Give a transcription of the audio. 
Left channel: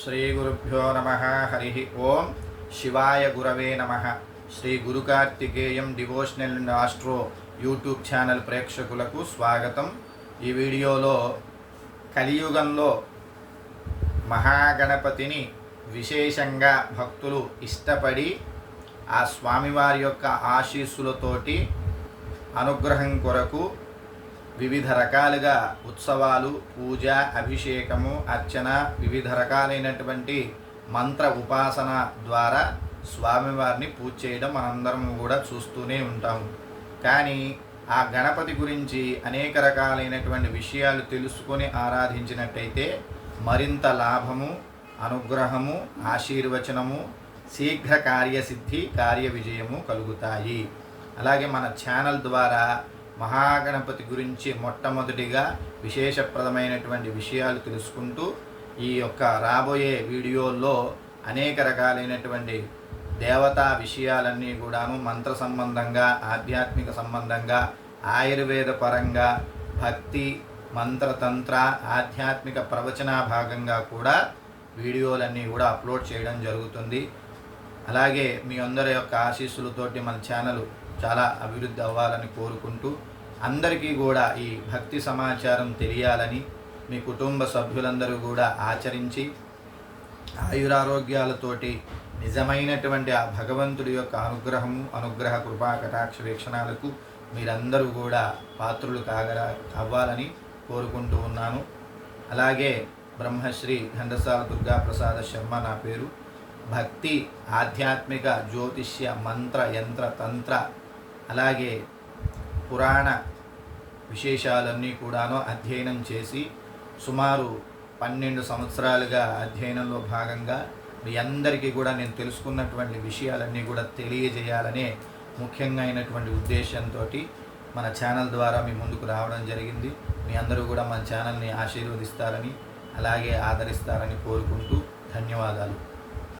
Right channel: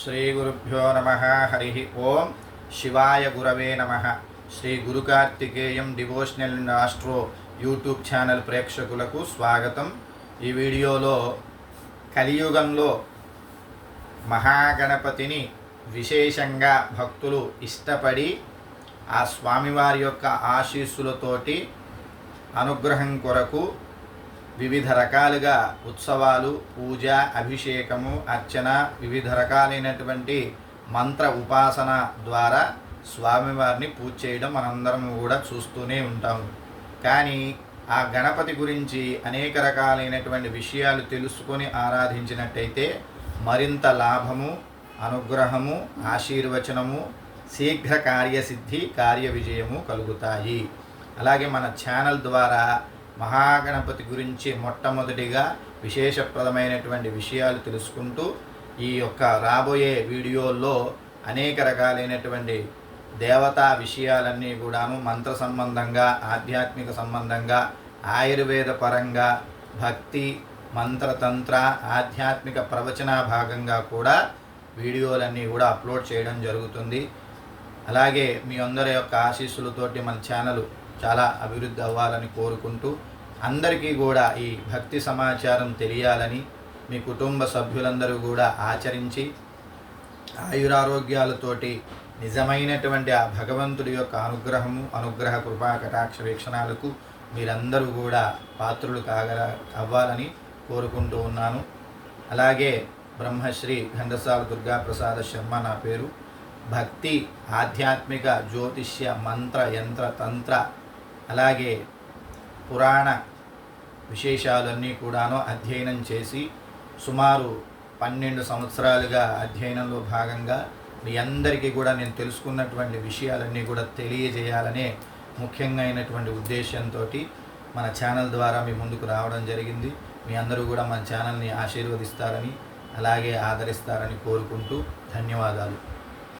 శ్రీగురుభ్యో నమ. హరి ఓం. శివాయ గురవే నమ. Sri Guru Karthikeyam devotional and astro YouTube channel ప్రేక్షకులకు స్వాగతం. ఈ వీడియోలో కలియుగంలో మహాగణపతిని విశేషంగా భక్తులు ఇష్టపడి ఆ స్వామివారి యొక్క ఆశీస్సులతోటి అనుగ్రహం కొరకు వివిధ రకాలుగా ఉత్సవాలు, పూజ, అభిషేకము, అర్చన, వివిధ రకాలైనటువంటి మంత్ర ఉపాసన ద్వారా స్వామివారిని పూజ చేయడం మనందరం కూడా చూస్తూనే ఉంటాము. కానీ ఆ గణపతి గురించి అనేక రకాలైనటువంటి విషయాలు తెలుసుకొని ఆరాధించినట్టయితే మరింత లాభము, అనుగ్రహము, ఆశీర్వచనము, శీఘ్ర కార్యసిద్ధి, కార్య విజయము కలుగుతాయి. అలాగే మన ఛానల్ ద్వారా మహాగణపతి గురించి మొట్టమొదటిగా విశేషప్రదమైనటువంటి విషయాలు తెలుసుకుంటూ ఈ యొక్క రాబోయే వీడియోల్లో అనేక రకాలైనటువంటి దేవతా విషయాలన్నీ కూడాను మంత్ర సంబంధంగా, ఆధ్యాత్మిక సంబంధంగా, ఆయుర్వేద పరంగా, భక్తి, మంత్రతంత్ర, ఆధ్యాత్మిక ప్రవచన భాగంగా కూడా వీడియోలన్నీ కూడా అప్లోడ్ చేయడం జరుగుతుంది. అలాగే మీ అందరి యొక్క ఆశీస్సులతోటి మన ఛానల్ చాలా అభివృద్ధి అవ్వాలని కోరుకుంటూ అందరికీ కూడా ఈ భక్తి సమాచారం తెలియాలని, మీ కుటుంబ సభ్యులందరూ కూడా ఆచరించి ఆయురారోగ్యాలతోటి నిజమైనటువంటి ఆ భగవంతుడి యొక్క అనుగ్రహము, అనుగ్రహ కృపా కటాక్ష వీక్షణాలకు మీరందరూ కూడా పాత్రులు అవ్వాలని కోరుకుంటూ ఉన్నాను. అలాగే బ్రహ్మశ్రీ ఘంటసాల దుర్గాప్రసాద శర్మ నా పేరు. భక్తి, ఆధ్యాత్మిక, జ్యోతిష్య, మంత్ర, యంత్ర, తంత్ర, అలాగే పురాణ విశేషాలన్నీ కూడాను అధ్యయనం చేసి సుమారు 12 సంవత్సరాలుగా అధ్యయనంలో భాగంగా మీ అందరికీ కూడా నేను తెలుసుకున్నటువంటి విషయాలన్నీ కూడా తెలియజేయాలనే ముఖ్యంగా అయినటువంటి ఉద్దేశంతో మన ఛానల్ ద్వారా మీ ముందుకు రావడం జరిగింది. మీ అందరూ కూడా మన ఛానల్ని ఆశీర్వదిస్తారని, అలాగే ఆదరిస్తారని కోరుకుంటూ ధన్యవాదాలు.